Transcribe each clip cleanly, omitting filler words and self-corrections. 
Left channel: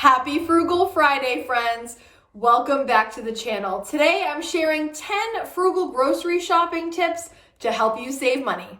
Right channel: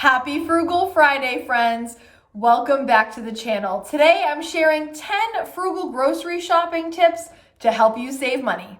Happy Frugal Friday, friends. Welcome back to the channel. Today I'm sharing 10 frugal grocery shopping tips to help you save money.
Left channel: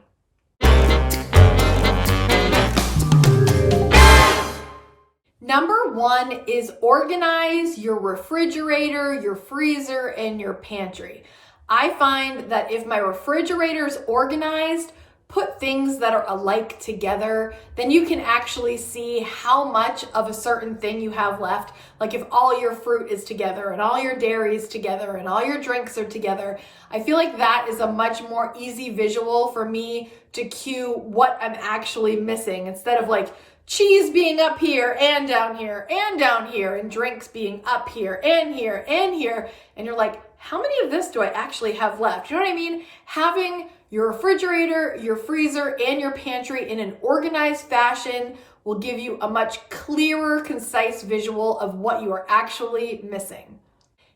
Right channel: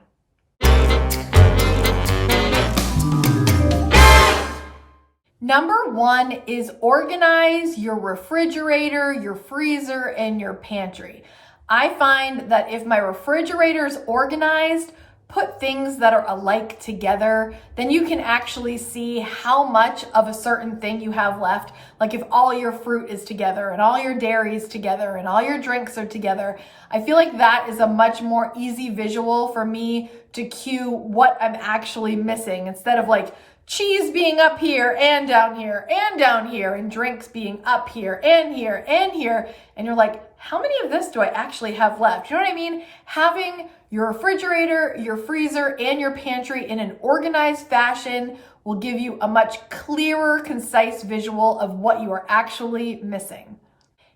Number one is organize your refrigerator, your freezer, and your pantry. I find that if my refrigerator is organized, put things that are alike together, then you can actually see how much of a certain thing you have left. Like if all your fruit is together and all your dairy is together and all your drinks are together, I feel like that is a much more easy visual for me to cue what I'm actually missing, instead of like cheese being up here and down here and down here and drinks being up here and here and here. And you're like, how many of this do I actually have left? You know what I mean? Having your refrigerator, your freezer, and your pantry in an organized fashion will give you a much clearer, concise visual of what you are actually missing.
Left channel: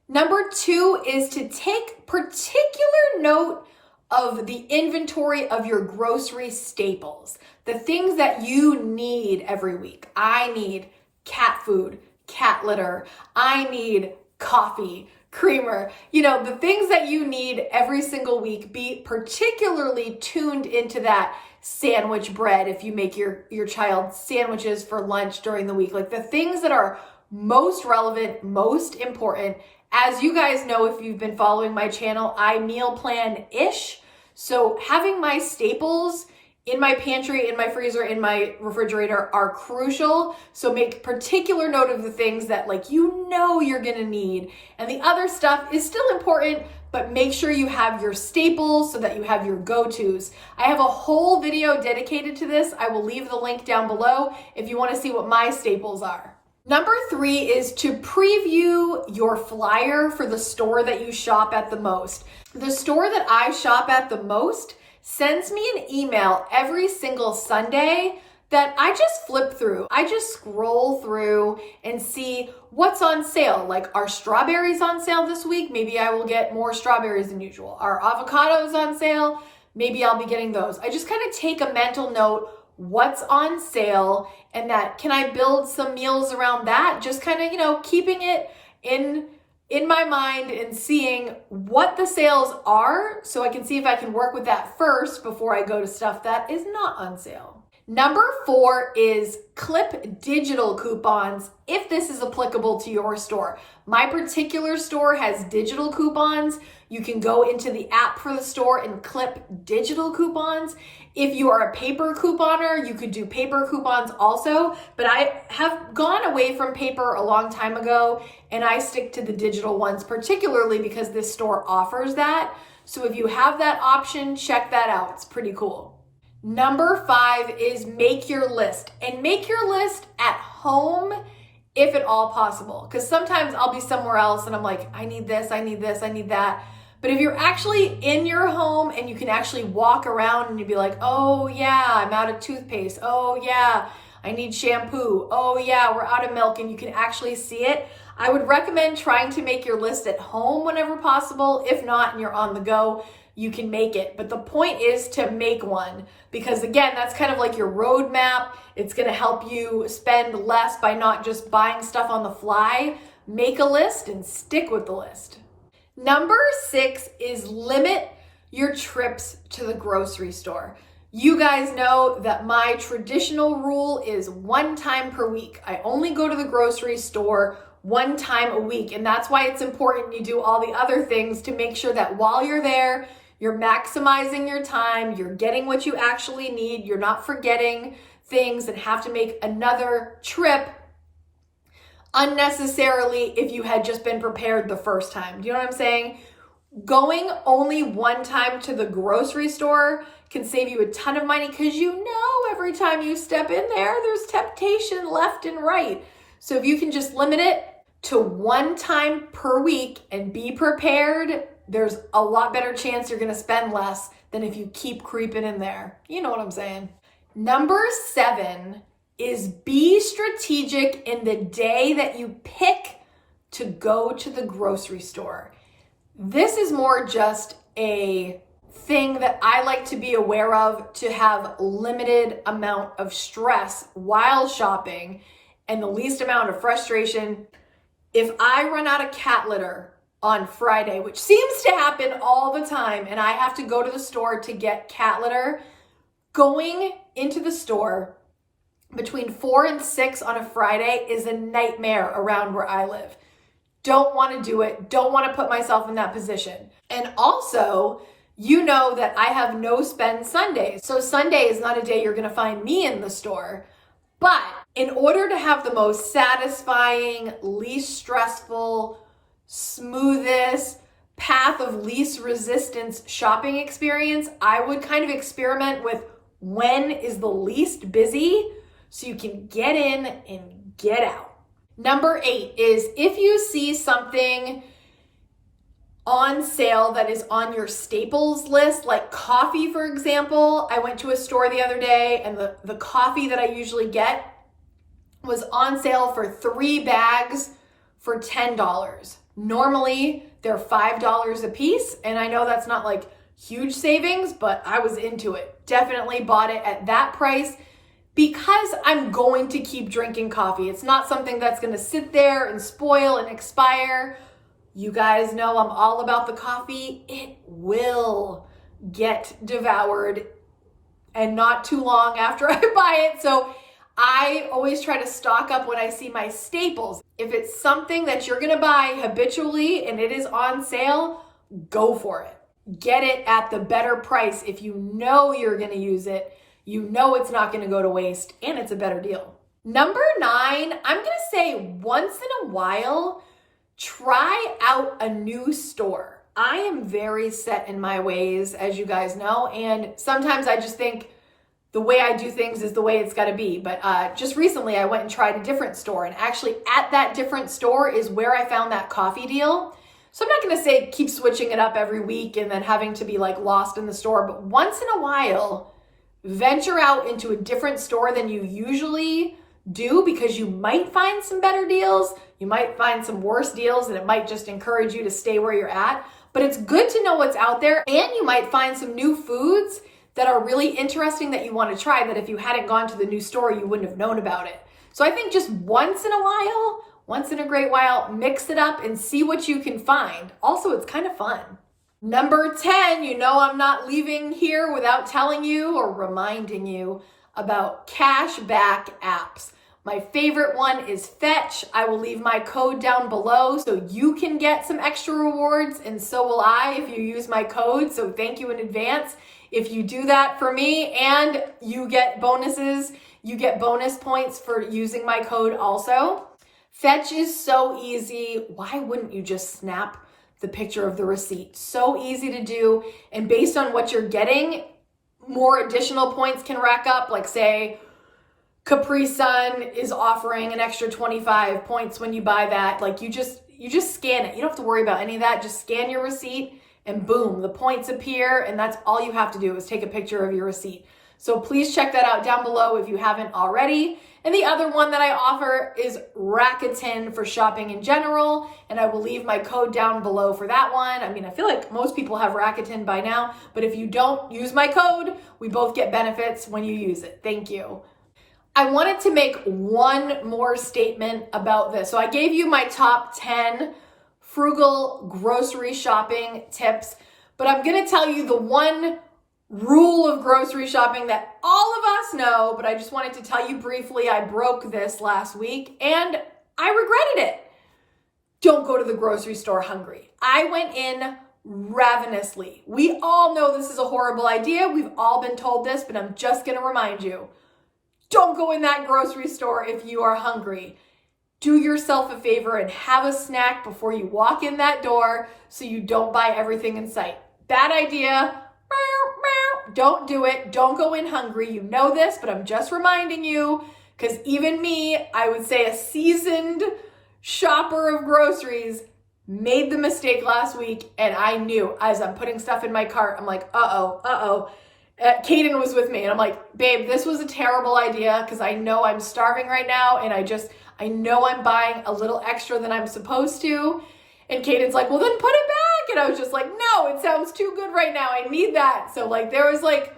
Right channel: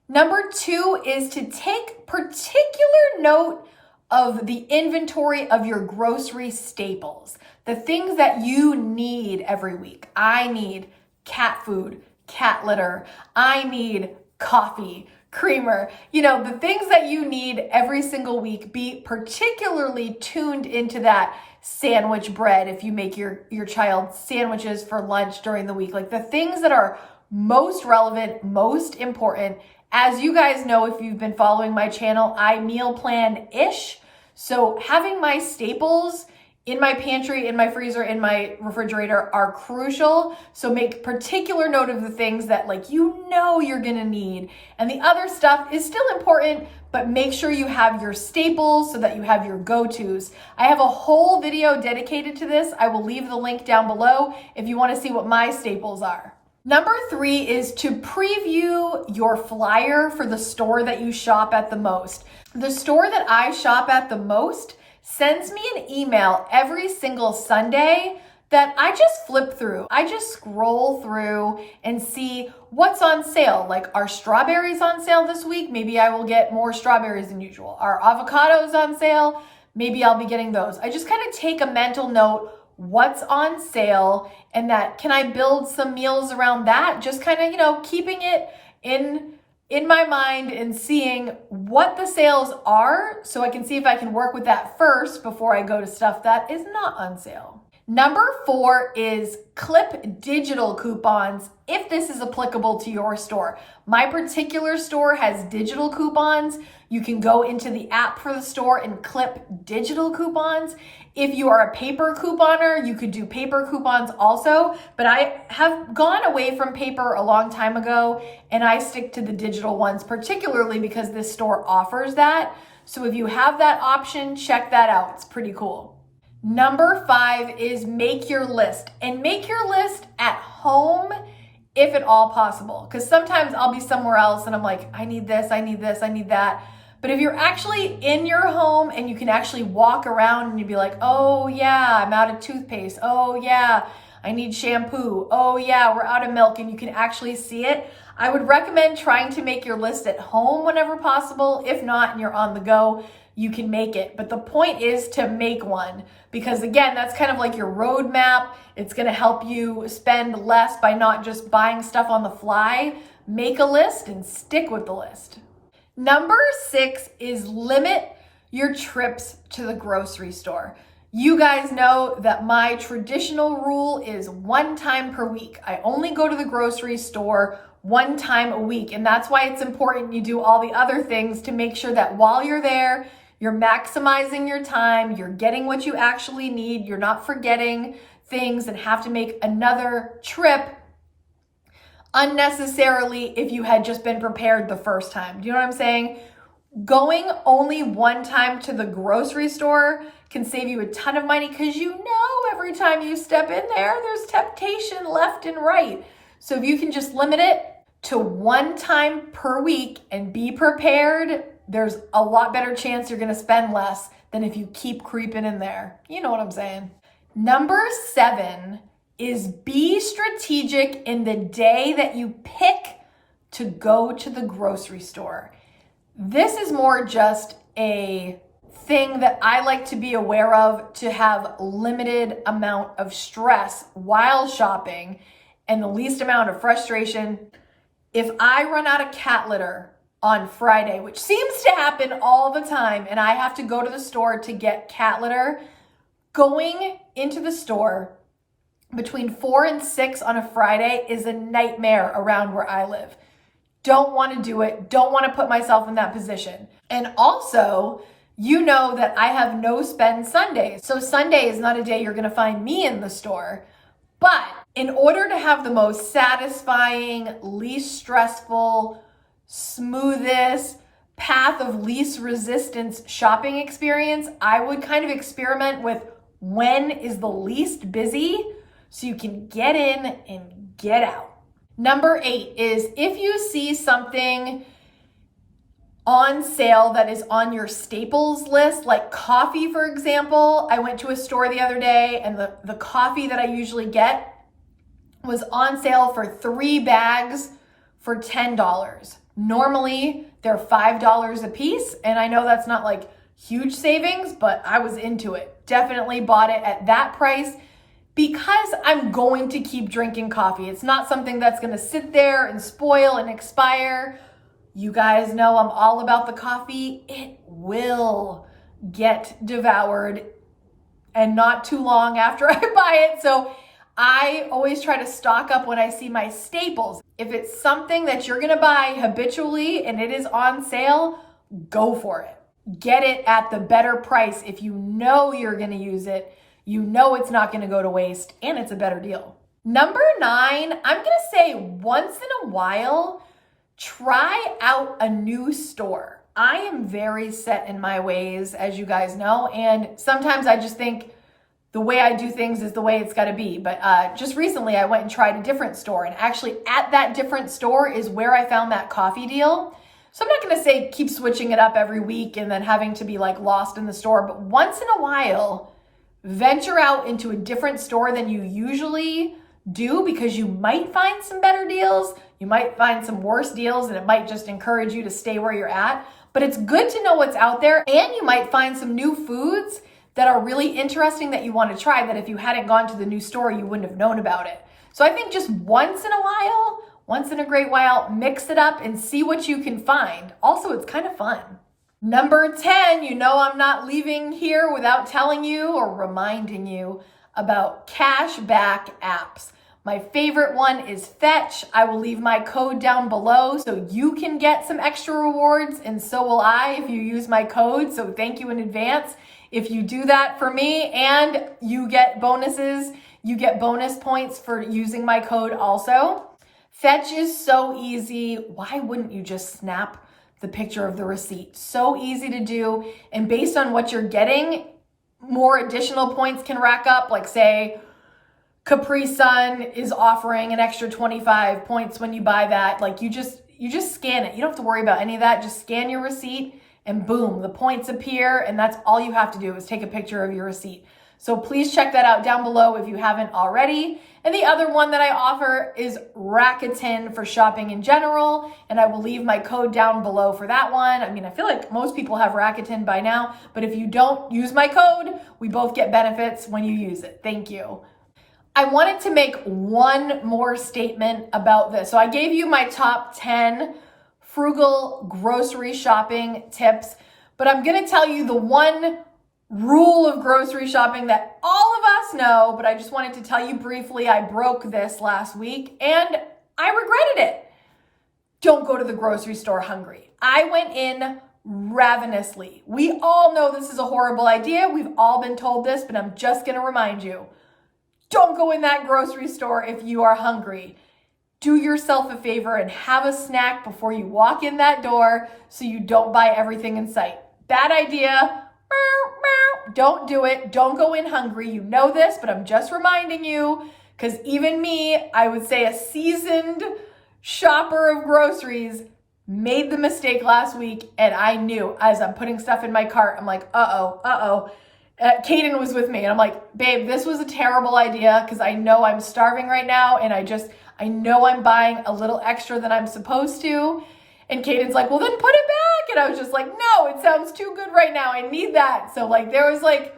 Number two is to take particular note of the inventory of your grocery staples, the things that you need every week. I need cat food, cat litter. I need coffee, creamer, the things that you need every single week. Be particularly tuned into that sandwich bread if you make your child sandwiches for lunch during the week. Like the things that are most relevant, most important. As you guys know, if you've been following my channel, I meal plan-ish. So having my staples in my pantry, in my freezer, in my refrigerator are crucial. So make particular note of the things that you're gonna need. And the other stuff is still important, but make sure you have your staples so that you have your go-tos. I have a whole video dedicated to this. I will leave the link down below if you wanna see what my staples are. Number three is to preview your flyer for the store that you shop at the most. The store that I shop at the most sends me an email every single Sunday that I just flip through. I just scroll through and see what's on sale. Like, are strawberries on sale this week? Maybe I will get more strawberries than usual. Are avocados on sale? Maybe I'll be getting those. I just kind of take a mental note, what's on sale, and that can I build some meals around that? Just kind of, keeping it in my mind and seeing what the sales are so I can see if I can work with that first before I go to stuff that is not on sale. Number four is clip digital coupons if this is applicable to your store. My particular store has digital coupons. You can go into the app for the store and clip digital coupons. If you are a paper couponer, you could do paper coupons also, but I have gone away from paper a long time ago and I stick to the digital ones, particularly because this store offers that. So if you have that option, check that out. It's pretty cool. Number five is make your list, and make your list at home if at all possible. Because sometimes I'll be somewhere else and I'm like, I need this, I need this, I need that. But if you're actually in your home and you can actually walk around and you'd be like, oh yeah, I'm out of toothpaste. Oh yeah, I need shampoo. Oh yeah, we're out of milk, and you can actually see it. I would recommend trying to make your list at home whenever possible. If not, and you're on the go, you can make it. But the point is to make one, because again, that's kind of like your roadmap. It's gonna help you spend less by not just buying stuff on the fly. Make a list and stick with the list. Number six is limit your trips to the grocery store. You guys know that my traditional rule is one time per week. I only go to the grocery store one time a week. And that's why it's important you do all the other things to make sure that while you're there, you're maximizing your time, you're getting what you actually need, you're not forgetting things and have to make another trip unnecessarily if you had just been prepared the first time. Do you know what I'm saying? Going only one time to the grocery store can save you a ton of money, because every time you step in there, there's temptation left and right. So if you can just limit it to one time per week and be prepared, there's a lot better chance you're gonna spend less than if you keep creeping in there. You know what I'm saying? Number seven is be strategic in the day that you pick to go to the grocery store. This is more just a thing that I like to be aware of to have limited amount of stress while shopping, and the least amount of frustration. If I run out of cat litter on Friday, which seems to happen all the time, and I have to go to the store to get cat litter, going into the store between 4 and 6 on a Friday is a nightmare around where I live. Don't want to do it. Don't want to put myself in that position. And also, you know that I have no spend Sundays. So Sunday is not a day you're going to find me in the store. But in order to have the most satisfying, least stressful, smoothest path of least resistance shopping experience, I would kind of experiment with when is the least busy so you can get in and get out. Number 8 is if you see something on sale that is on your staples list, like coffee, for example. I went to a store the other day and the coffee that I usually get was on sale for 3 bags for $10. Normally they're $5 a piece, and I know that's not like huge savings, but I was into it. Definitely bought it at that price because I'm going to keep drinking coffee. It's not something that's going to sit there and spoil and expire. You guys know I'm all about the coffee. It will get devoured and not too long after I buy it. So I always try to stock up when I see my staples. If it's something that you're gonna buy habitually and it is on sale, go for it. Get it at the better price if you know you're gonna use it. You know it's not gonna go to waste and it's a better deal. Number 9, I'm gonna say once in a while, try out a new store. I am very set in my ways, as you guys know, and sometimes I just think the way I do things is the way it's got to be. But just recently I went and tried a different store, and actually at that different store is where I found that coffee deal. So I'm not going to say keep switching it up every week and then having to be like lost in the store, but once in a while, venture out into a different store than you usually do, because you might find some better deals. You might find some worse deals, and it might just encourage you to stay where you're at. But it's good to know what's out there, and you might find some new foods that are really interesting that you want to try that if you hadn't gone to the new store, you wouldn't have known about it. So I think just once in a while, once in a great while, mix it up and see what you can find. Also, it's kind of fun. Number 10, you know I'm not leaving here without telling you or reminding you about Cashback Apps. My favorite one is Fetch. I will leave my code down below so you can get some extra rewards, and so will I if you use my code. So thank you in advance if you do that for me, and you get bonuses. You get bonus points for using my code also. Fetch is so easy. Why wouldn't you just snap the picture of the receipt? So easy to do, and based on what you're getting, more additional points can rack up. Like say Capri Sun is offering an extra 25 points when you buy that. Like you just scan it. You don't have to worry about any of that. Just scan your receipt and boom, the points appear, and that's all you have to do is take a picture of your receipt. So please check that out down below if you haven't already. And the other one that I offer is Rakuten for shopping in general, and I will leave my code down below for that one. I mean, I feel like most people have Rakuten by now, but if you don't use my code, we both get benefits when you use it. Thank you. I wanted to make one more statement about this. So I gave you my top 10 frugal grocery shopping tips, but I'm gonna tell you the one rule of grocery shopping that all of us know, but I just wanted to tell you briefly. I broke this last week and I regretted it. Don't go to the grocery store hungry. I went in ravenously. We all know this is a horrible idea. We've all been told this, but I'm just gonna remind you. Don't go in that grocery store if you are hungry. Do yourself a favor and have a snack before you walk in that door so you don't buy everything in sight. Bad idea. Don't do it. Don't go in hungry. You know this, but I'm just reminding you, because even me, I would say a seasoned shopper of groceries, made the mistake last week, and I knew as I'm putting stuff in my cart, I'm like, Kaden was with me, and I'm like, babe, this was a terrible idea because I know I'm starving right now, and I know I'm buying a little extra than I'm supposed to. And Kaden's like, well, then put it back. And I was just like, no, it sounds too good right now. I need that. So like, there was like,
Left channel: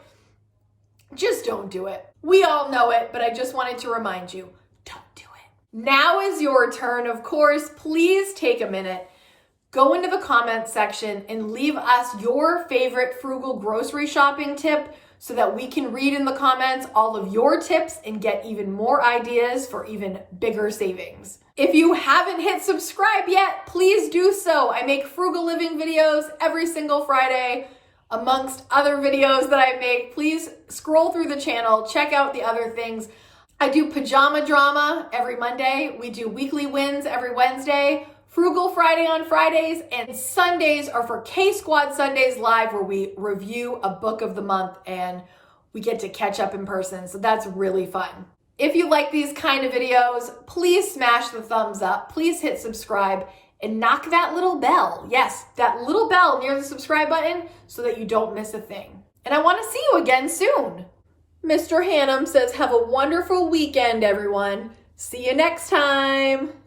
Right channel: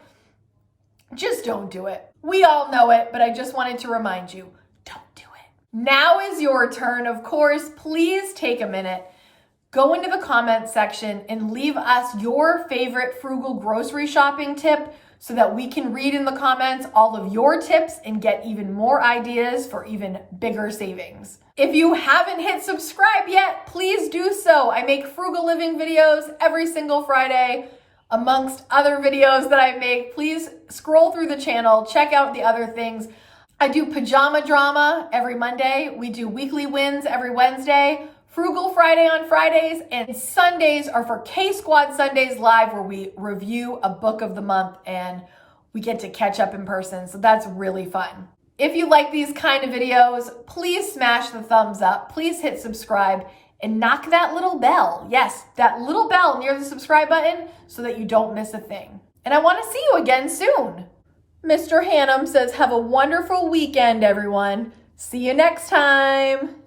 just don't do it. We all know it, but I just wanted to remind you, don't do it. Now is your turn. Of course, please take a minute, go into the comments section and leave us your favorite frugal grocery shopping tip so that we can read in the comments all of your tips and get even more ideas for even bigger savings. If you haven't hit subscribe yet, please do so. I make frugal living videos every single Friday, amongst other videos that I make. Please scroll through the channel, check out the other things. I do pajama drama every Monday. We do weekly wins every Wednesday, Frugal Friday on Fridays, and Sundays are for K-Squad Sundays Live, where we review a book of the month and we get to catch up in person. So that's really fun. If you like these kind of videos, please smash the thumbs up. Please hit subscribe and knock that little bell. Yes, that little bell near the subscribe button so that you don't miss a thing. And I want to see you again soon. Mr. Hannum says, have a wonderful weekend, everyone. See you next time.